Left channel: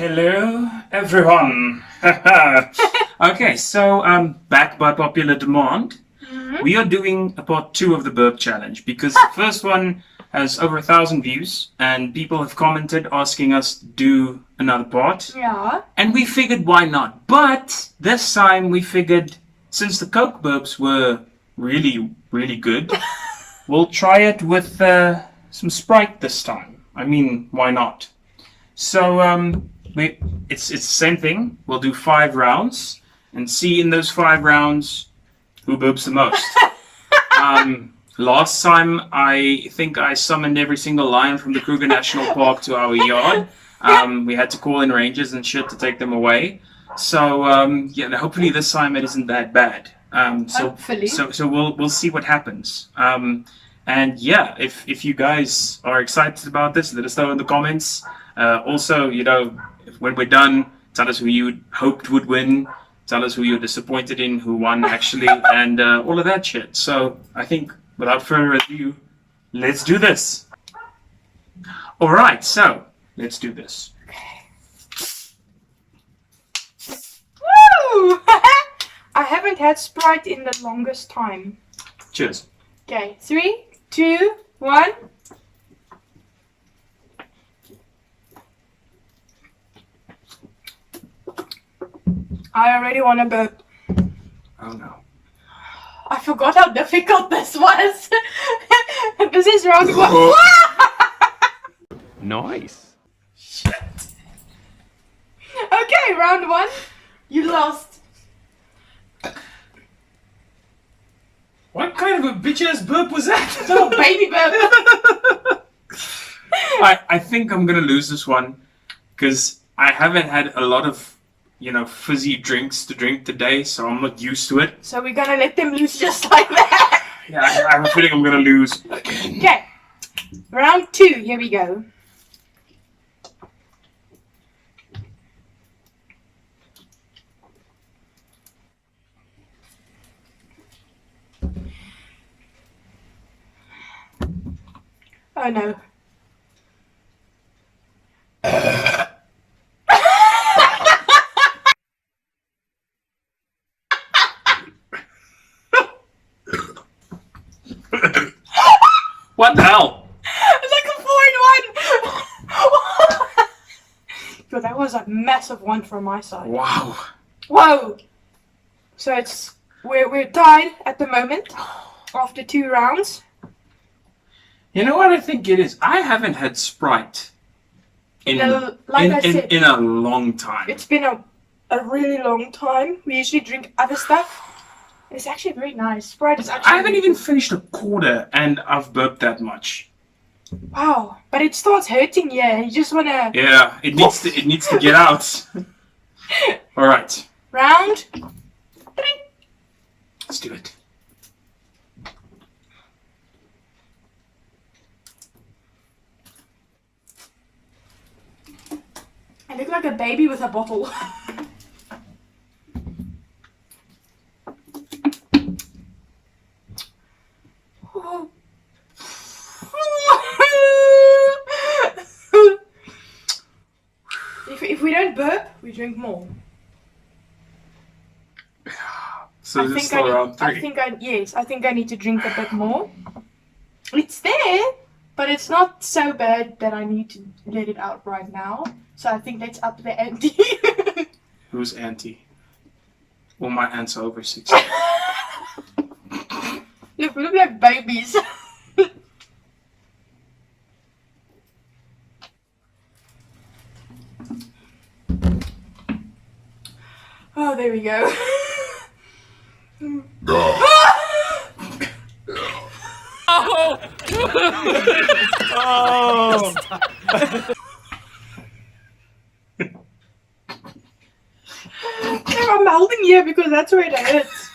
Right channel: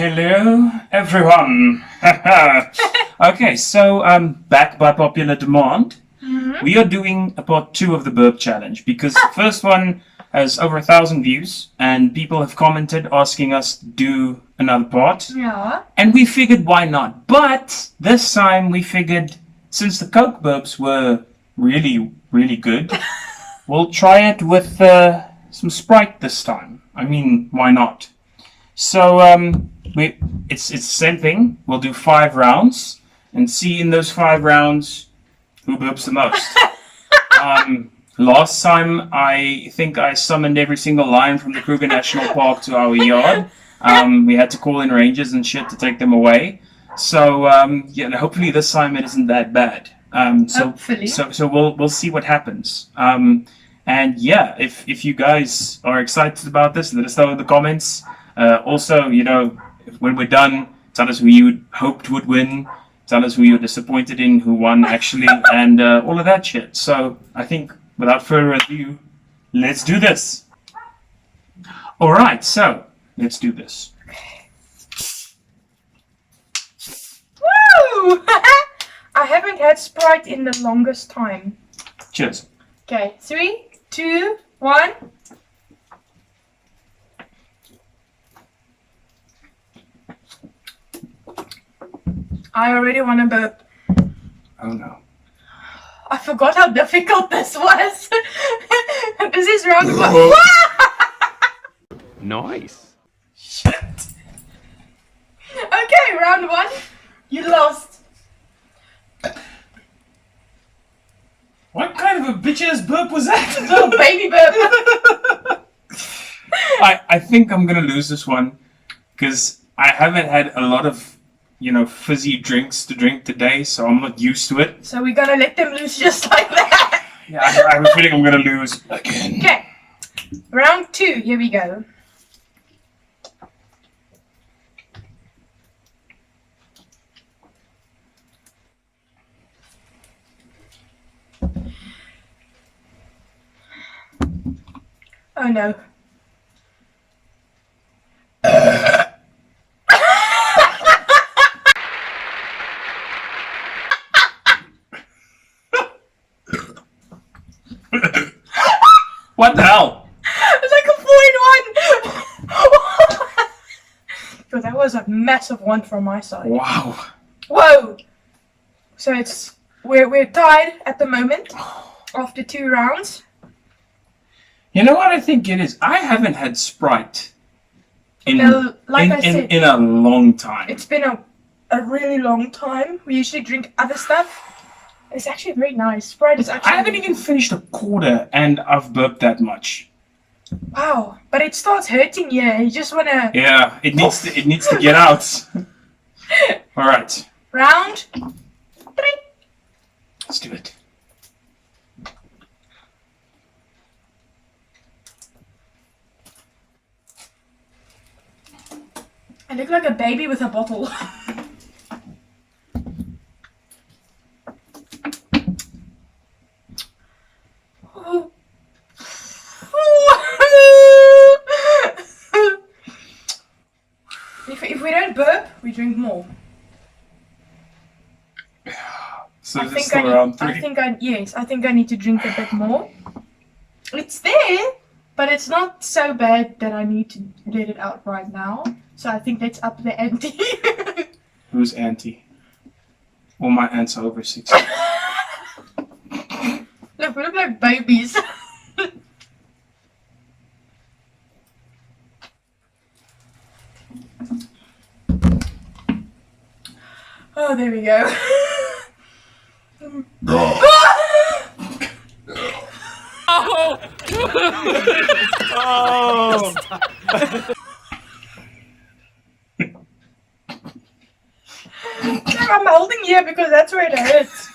Hello, everyone. Okay, so back by popular demand, we are doing a part 2 of the burp challenge because the first one has over 1,000 views and people have commented asking us to do another part. Yeah. And we figured why not? But this time we figured since the Coke burps were really, really good, we'll try it with some Sprite this time. I mean, why not? So it's the same thing. We'll do 5 rounds and see in those 5 rounds who burps the most. Last time I think I summoned every single lion from the Kruger National Park to our yard. We had to call in rangers and shit to take them away. So yeah, hopefully this time it isn't that bad. Hopefully. So we'll see what happens. And yeah, if you guys are excited about this, let us know in the comments. Also, you know, when we're done, tell us who you hoped would win. Tell us who you're disappointed in, who won actually, and all of that shit. So I think without further ado, let's do this. All right, so let's do this. Woo! I haven't had Sprite in the longest time. Cheers. Okay, 3, 2, 1. I already want to burp. Oh no. I forgot how difficult this was. This is round 1. Nice. Shit. Okay, round 1. You lost. What kind of a bitch-ass burp was that? Little baby burp. I think I'm gonna lose this one because I haven't had a lot of, you know, fizzy drinks to drink today, so I'm not used to it. So we're gonna let them loose just like that. Yeah, I have a feeling I'm gonna lose again. Okay, round 2. Here we go. Oh no. What the hell? It's like a 4-in-1. But that was a massive one from my side. Wow. Whoa. So it's we're tied at the moment after 2 rounds. You know what I think it is? I haven't had Sprite in I said, in a long time. it's been a really long time. We usually drink other stuff. It's actually very nice. Sprite is actually. I haven't even finished a quarter and I've burped that much. Wow, but it starts hurting you. You just wanna. Yeah, it needs to get out. All right, Round 3. let's do it. I look like a baby with a bottle. If we don't burp, we drink more. So this is still round 3. I think I need to drink a bit more. It's there, but it's not so bad that I need to let it out right now. So I think let's up the ante. Who's auntie? All my aunts are over 60. Look, we look like babies. Oh, there we go. Oh! I'm holding you because that's where it hurts.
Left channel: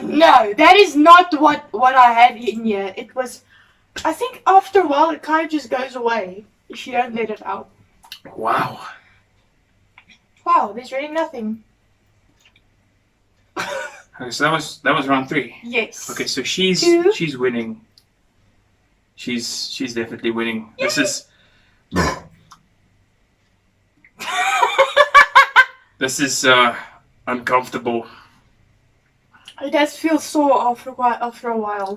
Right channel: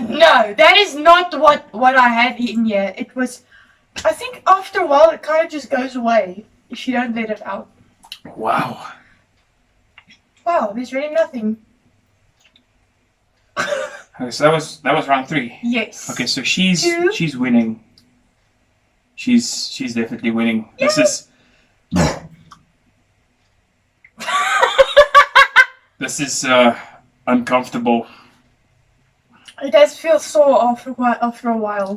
No, that is not what I had in here. It was, I think after a while it kind of just goes away if you don't let it out. Wow. Wow, there's really nothing. Okay, so that was round 3. Yes. Okay, so she's winning. She's definitely winning. This is This is uncomfortable. It does feel sore after a while.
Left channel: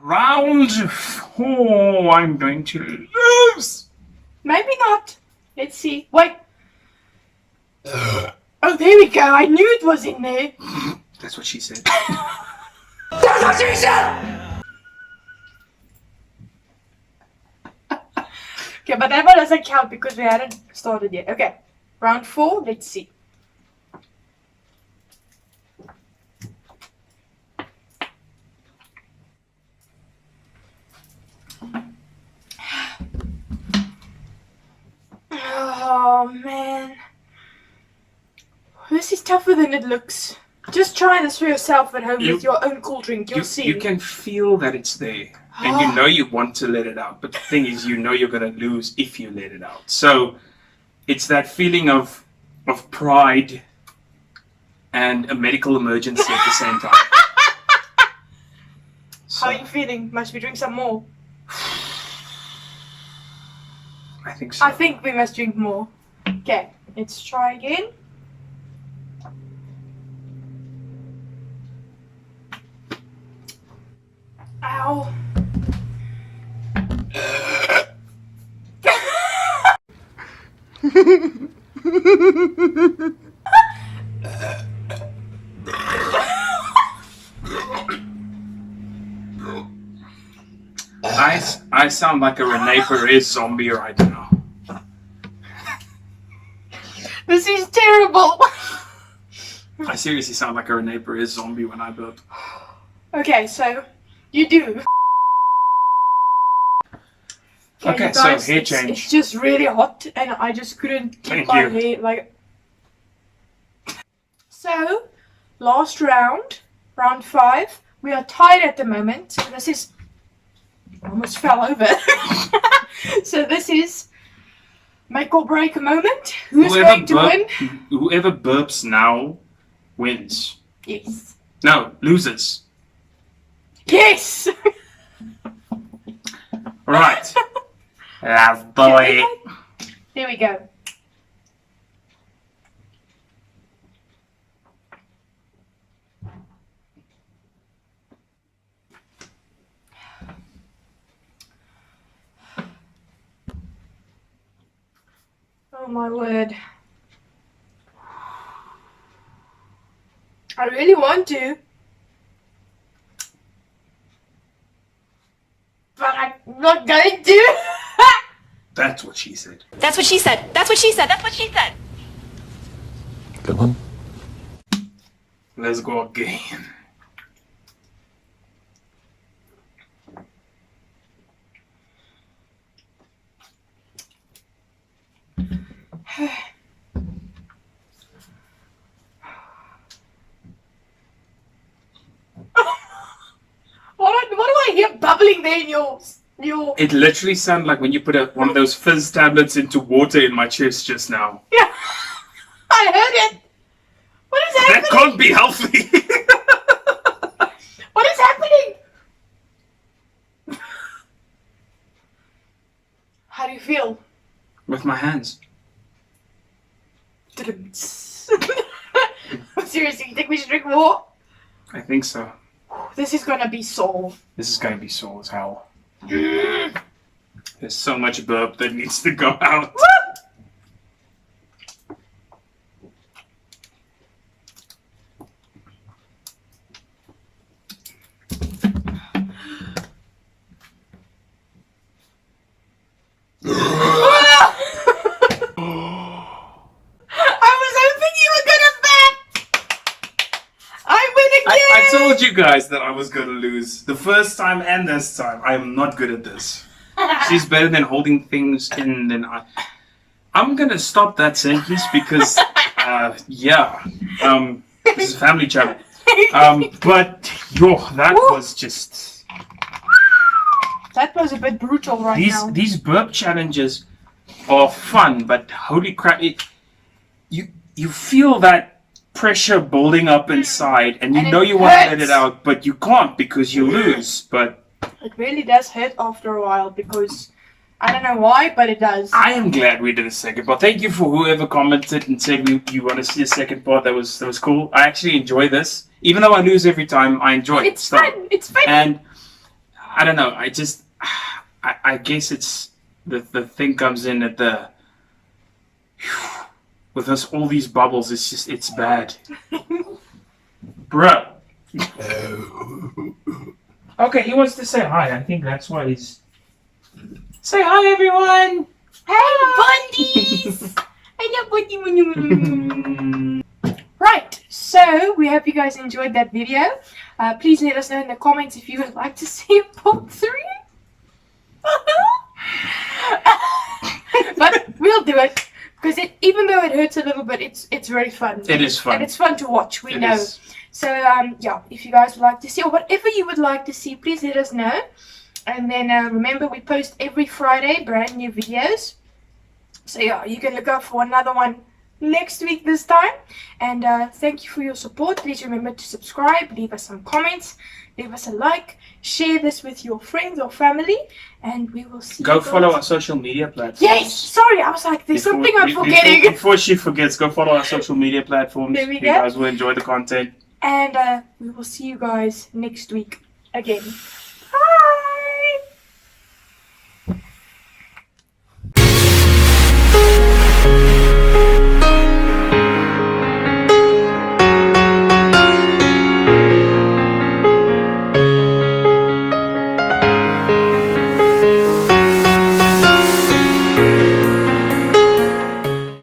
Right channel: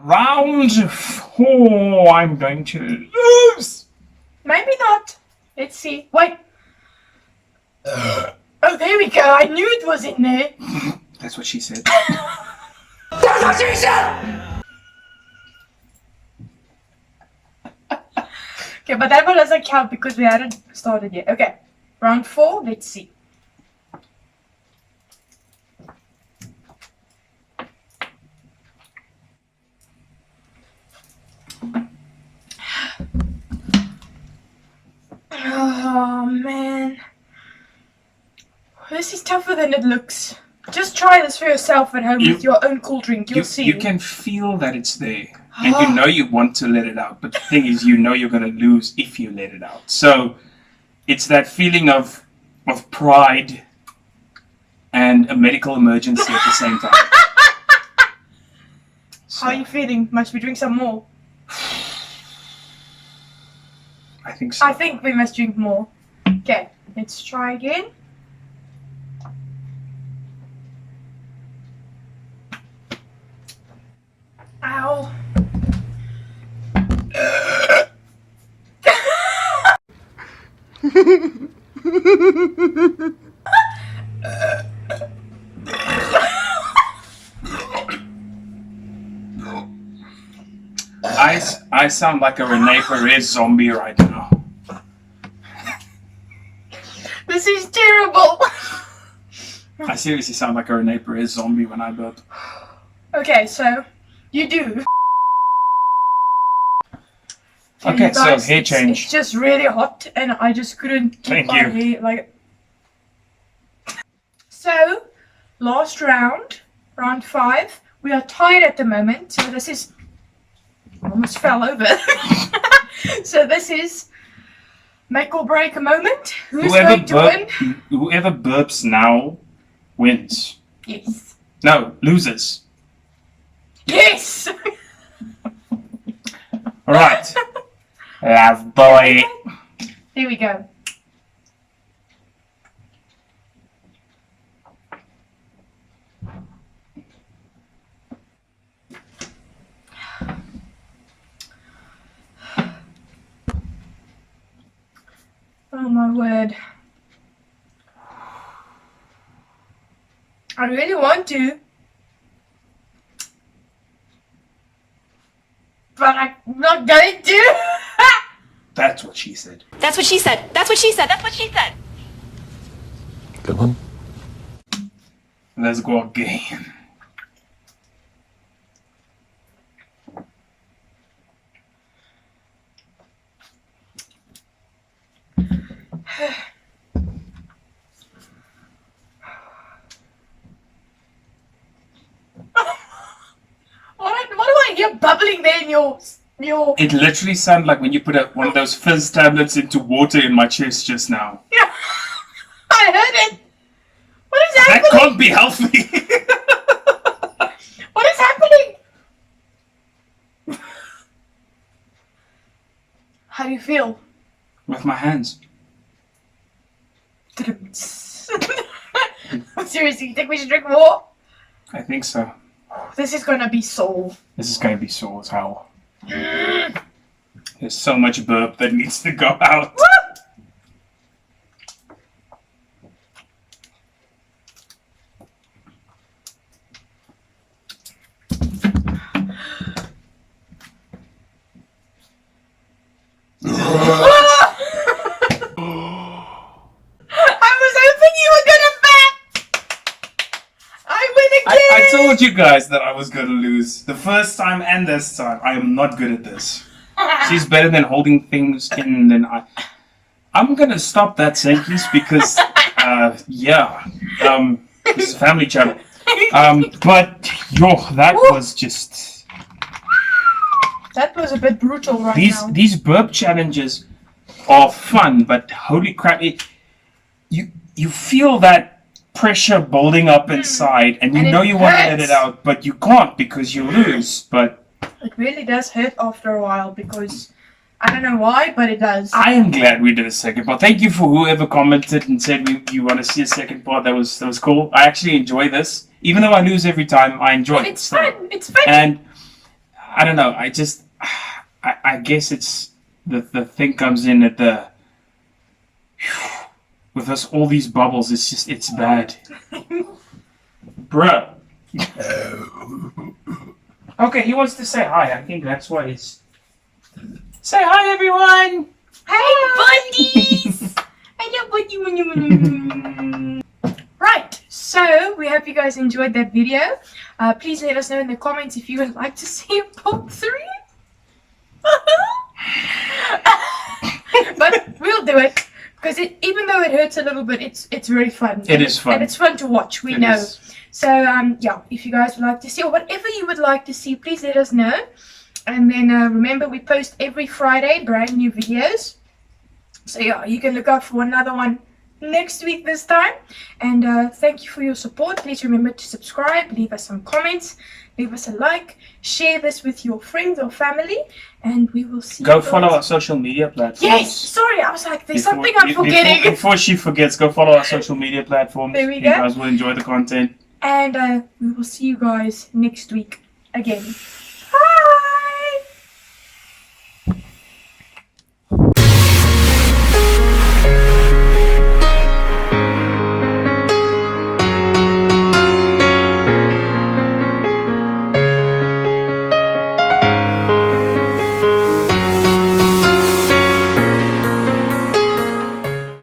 Round 4, I'm going to lose. Maybe not. Let's see. Wait. Oh, there we go. I knew it was in there. That's what she said. That's what she said! Okay, but that one doesn't count because we hadn't started yet. Okay. Round 4. Let's see. Oh man, this is tougher than it looks. Just try this for yourself at home with your own cool drink. You'll see. You can feel that it's there, and you know you want to let it out. But the thing is, you know you're gonna lose if you let it out. So it's that feeling of pride and a medical emergency at the same time. How are you feeling? Must we drink some more? I think so. I think we must drink more. Okay, let's try again. Ow. I sound like a Rene Perez zombie right now. This is terrible. I seriously sound like a Rene Perez zombie when I burp. Okay, so you do. Okay, you guys, so hair change. It's just really hot, and I just couldn't keep my hair like. So, last round, round 5. We are tied at the moment, so this is. I almost fell over. So this is make or break a moment. Who's going to win? Whoever burps now wins. Yes. No, loses. Yes. Right. Love boy. Here we go. Oh my word. I really want to. But I'm not going to. That's what she said. That's what she said. That's what she said. That's what she said. Good one. Let's go again. What do I hear bubbling there in your... It literally sounded like when you put one of those fizz tablets into water in my chest just now. Yeah, I heard it. What is happening? That can't be healthy. What is happening? How do you feel? With my hands. Seriously, you think we should drink more? I think so. This is gonna be sore. This is going to be sore as hell. There's so much burp that needs to go out. I told you guys that I was going to lose. The first time and this time. I am not good at this. She's better than holding things in than I. I'm going to stop that sentence because, yeah. This is a family channel. But, that was just... That was a bit brutal now. These burp challenges are fun, but holy crap, you feel that pressure building up inside, and you And know it you want to let hurts. it out, but you can't because you lose. But It really does hurt after a while because I don't know why, but it does. I am glad we did a second part. Thank you for whoever commented and said you want to see a second part. That was cool. I actually enjoy this, even though I lose every time. I enjoy it. It's So- fun. It's fun. And I don't know. I guess it's the thing comes in at the with us all these bubbles. It's bad, bruh. Okay, he wants to say hi. I think that's why he's. Say hi, everyone. Hey, buddies! I love buddy. Right, so we hope you guys enjoyed that video. Please let us know in the comments if you would like to see a part 3. But we'll do it because even though it hurts a little bit, it's very fun. It is fun. And it's fun to watch. We It know. is. So yeah, if you guys would like to see or whatever you would like to see, please let us know. And then remember, we post every Friday brand new videos. So yeah, you can look out for another one next week this time. And thank you for your support. Please remember to subscribe, leave us some comments, leave us a like, share this with your friends or family, and we will see Go you follow guys. our social media platforms. Yes, sorry, I was like, there's Before- something I'm forgetting. Before she forgets, go follow our social media platforms. There we You go. guys will enjoy the content. And we will see you guys next week again.